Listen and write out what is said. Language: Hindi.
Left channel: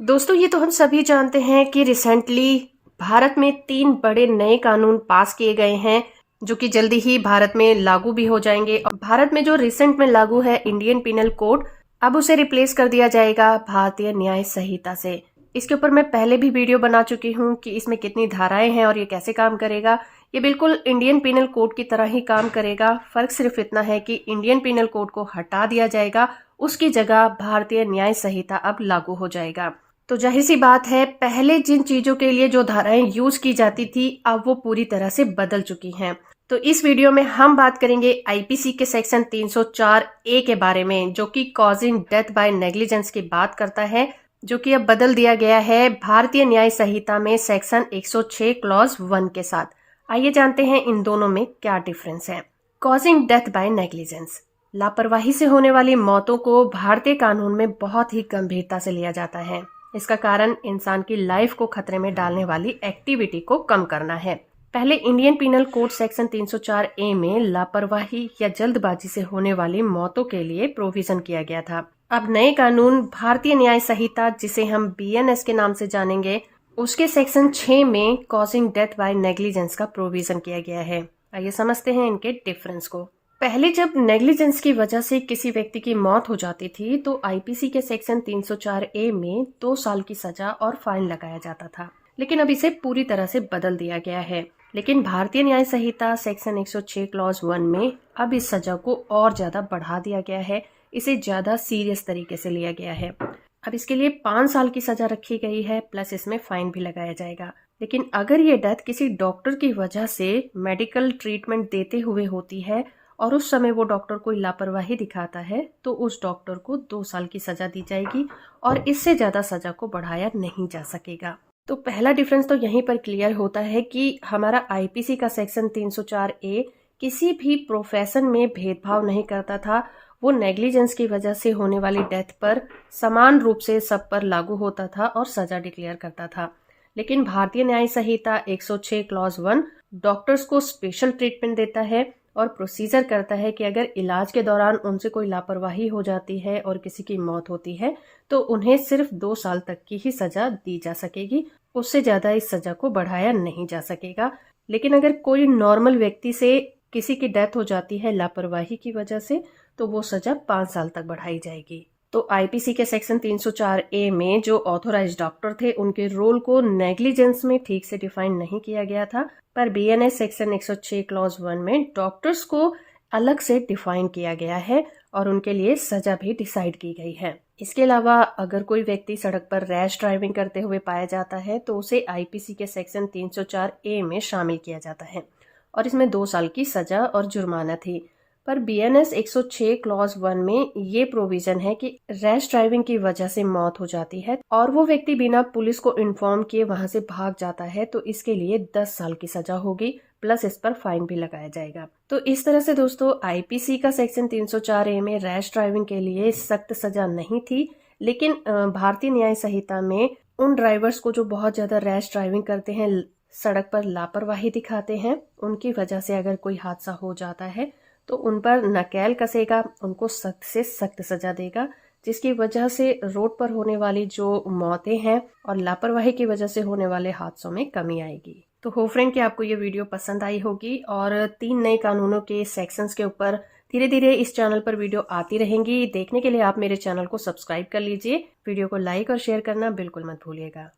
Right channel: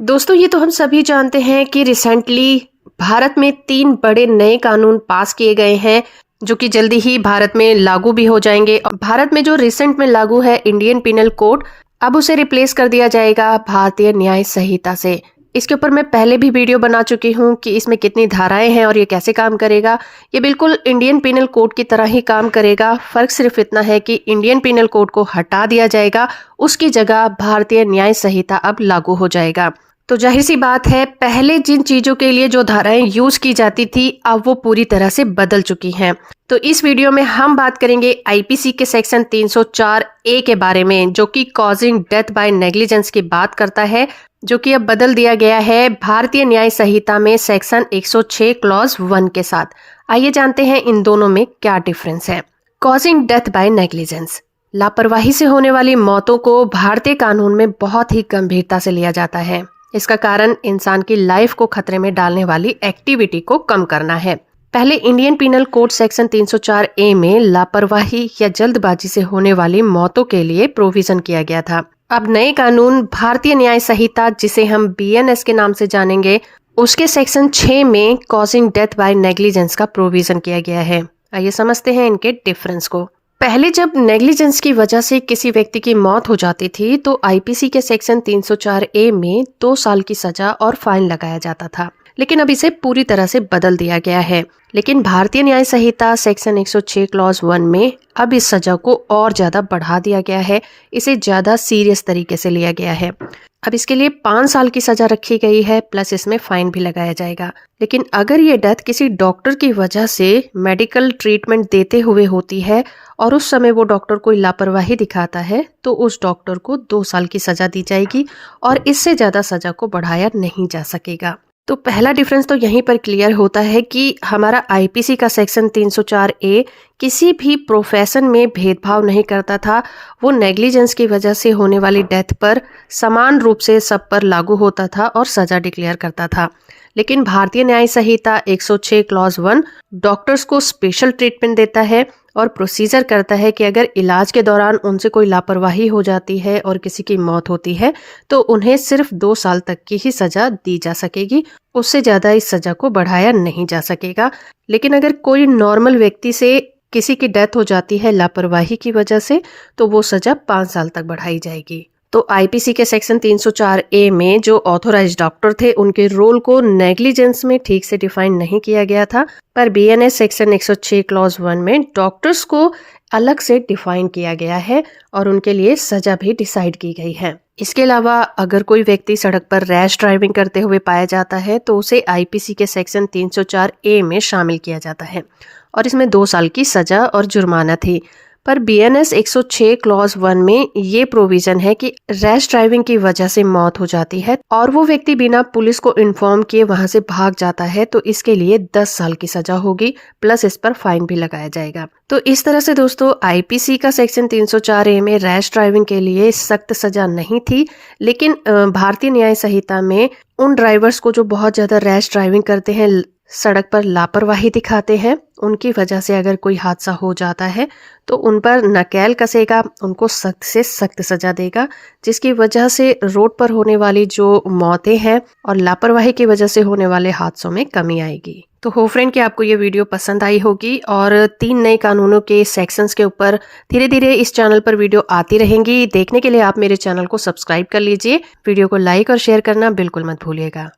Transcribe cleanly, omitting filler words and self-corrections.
दोस्तों, ये तो हम सभी जानते हैं कि रिसेंटली भारत में 3 बड़े नए कानून पास किए गए हैं जो कि जल्दी ही भारत में लागू भी हो जाएंगे। और भारत में जो रिसेंट में लागू है इंडियन पिनल कोड, अब उसे रिप्लेस कर दिया जाएगा भारतीय न्याय संहिता से। इसके ऊपर मैं पहले भी वीडियो बना चुकी हूँ कि इसमें कितनी धाराएं हैं और ये कैसे काम करेगा। ये बिल्कुल इंडियन पिनल कोड की तरह ही काम करेगा। फर्क सिर्फ इतना है कि इंडियन पिनल कोड को हटा दिया जाएगा, उसकी जगह भारतीय न्याय संहिता अब लागू हो जाएगा। तो जाहिर सी बात है, पहले जिन चीजों के लिए जो धाराएं यूज की जाती थी अब वो पूरी तरह से बदल चुकी हैं। तो इस वीडियो में हम बात करेंगे आईपीसी के सेक्शन 304 ए के बारे में, जो कि कॉजिंग डेथ बाय नेग्लिजेंस की बात करता है, जो कि अब बदल दिया गया है भारतीय न्याय संहिता में सेक्शन 106 क्लॉज 1 के साथ। आइए जानते हैं इन दोनों में क्या डिफरेंस है। कॉजिंग डेथ बाय नेग्लिजेंस, लापरवाही से होने वाली मौतों को भारतीय कानून में बहुत ही गंभीरता से लिया जाता है। इसका कारण इंसान की लाइफ को खतरे में डालने वाली एक्टिविटी को कम करना है। पहले इंडियन पिनल कोड सेक्शन 304 ए में लापरवाही या जल्दबाजी से होने वाली मौतों के लिए प्रोविजन किया गया था। अब नए कानून भारतीय न्याय संहिता, जिसे हम बीएनएस के नाम से जानेंगे, उसके सेक्शन 6 में कॉजिंग डेथ बाय नेग्लिजेंस का प्रोविजन किया गया है। आइए समझते हैं इनके डिफरेंस को। पहले जब नेग्लिजेंस की वजह से किसी व्यक्ति की मौत हो जाती थी तो आईपीसी के सेक्शन 304 ए में 2 साल की सजा और फाइन लगाया जाता था, लेकिन अब इसे पूरी तरह से बदल दिया गया है। लेकिन भारतीय न्याय संहिता सेक्शन 106 क्लॉज 1 में अब इस सजा को और ज्यादा बढ़ा दिया गया है। इसे ज्यादा सीरियस तरीके से लिया गया है। अब इसके लिए 5 साल की सजा रखी गई है, प्लस इसमें फाइन भी लगाया जाएगा। लेकिन अगर ये डेथ किसी डॉक्टर की वजह से मेडिकल ट्रीटमेंट देते हुए होती है और उस समय वो डॉक्टर कोई लापरवाही दिखाता है तो उस डॉक्टर को 2 साल की सजा दी जाएगी और इससे ज्यादा सजा को बढ़ाया नहीं जा सकेगा। तो पहला डिफरेंस तो यहीं पर क्लियर होता है कि हमारा आईपीसी का सेक्शन 304 ए किसी भी प्रोफेशन में भेदभाव नहीं करता था। वो नेग्लिजेंस की वजह से होने वाली डेथ पर समान रूप से सब पर लागू होता था और सजा डिक्लेयर करता था। लेकिन भारतीय न्याय संहिता 106 क्लॉज 1 डॉक्टर्स को स्पेशल ट्रीटमेंट देता है और प्रोसीजर करता है कि अगर इलाज के दौरान उनसे कोई लापरवाही हो जाती है और किसी की मौत होती है तो उन्हें सिर्फ 2 साल तक की ही सजा दी जा सकेगी, उससे ज्यादा इस सजा को बढ़ाया नहीं जा सकेगा। लेकिन अगर कोई नॉर्मल व्यक्ति से किसी की डेथ हो जाती है लापरवाही की वजह से तो वो सजा 5 साल तक बढ़ाई जाएगी। तो आईपीसी के सेक्शन 304 ए में जो ऑथोराइज्ड डॉक्टर थे उनके रोल को नेग्लिजेंस में ठीक से डिफाइन नहीं किया गया था, पर बीएनएस सेक्शन 106 क्लॉज 1 में डॉक्टर्स को अलग से डिफाइन किया गया है और उनके लिए सजा भी डिसाइड की गई है। इसके अलावा अगर कोई व्यक्ति सड़क पर रैश ड्राइविंग करते हुए पाया जाता है तो उसे आईपीसी के सेक्शन 304 ए में शामिल किया जाता है और इसमें 2 साल की सजा और जुर्माना थी। पर बीएनएस 106 क्लॉज 1 में ये प्रोविजन है कि रैश ड्राइविंग की वजह से मौत हो जाती है और वो व्यक्ति बिना पुलिस को इन्फॉर्म किए वहां से भाग जाता है तो इसके लिए 10 साल की सजा होगी, प्लस इस पर फाइन भी लगाया जाएगा। तो इस तरह से दोस्तों, आईपीसी का सेक्शन 304 ए में रैश ड्राइविंग के लिए सख्त सजा नहीं थी, लेकिन भारतीय न्याय संहिता में उन ड्राइवर्स को जो बहुत ज्यादा रैश ड्राइविंग करते हैं, सड़क पर लापरवाही दिखाते हैं, उनकी वजह से अगर कोई हादसा हो जाता है तो उन पर नकेल कसेगा, उनको सख्त से सख्त सजा देगा, जिसकी वजह से रोड पर होने वाली जो मौतें हैं और लापरवाही की वजह से होने वाले हादसों में कमी आएगी। तो होप फ्रेंड कि आपको ये वीडियो पसंद आई होगी और 3 नए कानूनों के सेक्शंस के ऊपर धीरे धीरे इस चैनल पर वीडियो आती रहेंगी। देखने के लिए आप मेरे चैनल को सब्सक्राइब कर लीजिए। वीडियो को लाइक और शेयर करना बिल्कुल मत भूलिएगा।